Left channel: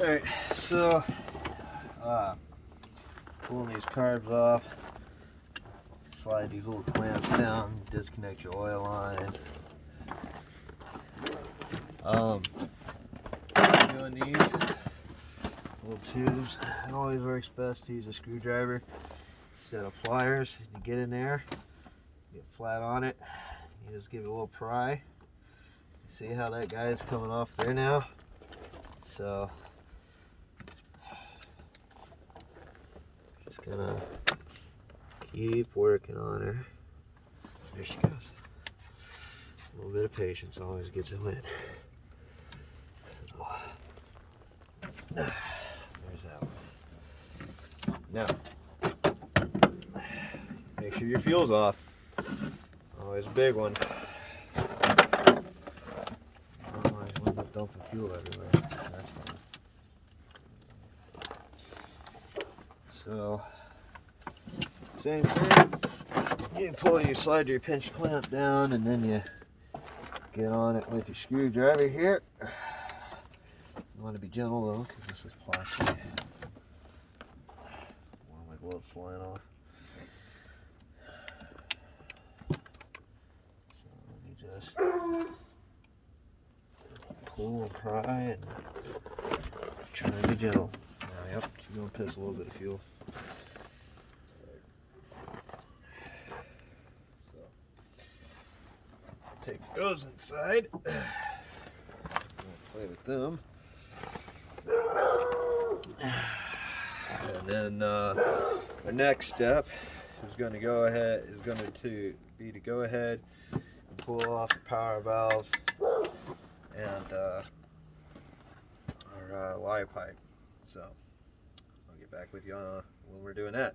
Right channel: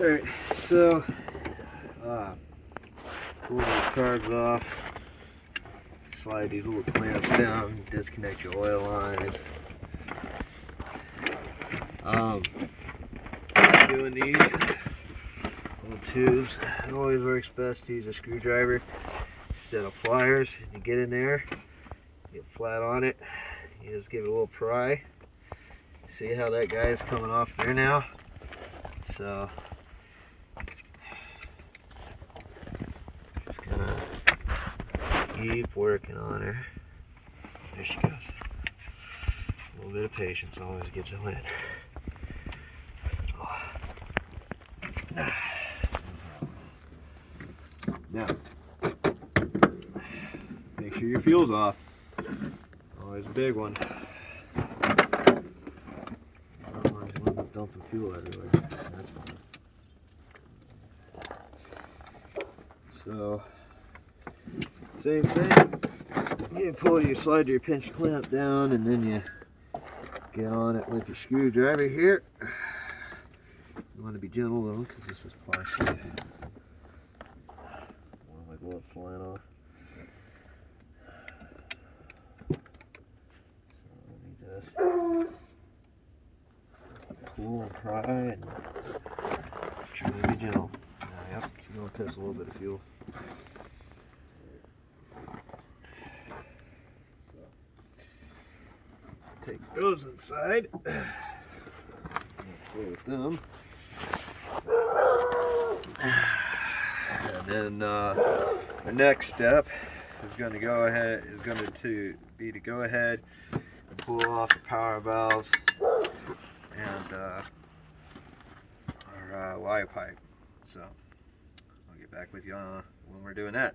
Alright, so pull these cards off, slide these little clamps down, disconnect your oil line. Doing these little tubes, it always works best to use a screwdriver instead of pliers. You get in there, get flat on it, you just give it a little pry. See how that guy is coming off there now? So just gonna keep working on her. There she goes. A little bit of patience always gets it in. So, now, make sure your fuel's off. Always a big one. Otherwise you end up dumping fuel everywhere. That's fine. So, same thing. You slide your pinch clamp down, and then you get on it with your screwdriver here. You want to be gentle though, because this is plastic. One of my gloves flying off. So let me just pull and pry and try to be gentle. Yep, she's going to piss a little bit of fuel. Take those inside. Play with them. And then the next step is going to go ahead and pull off the power valves and our Y pipe. So I'll get back with you when we're doing that.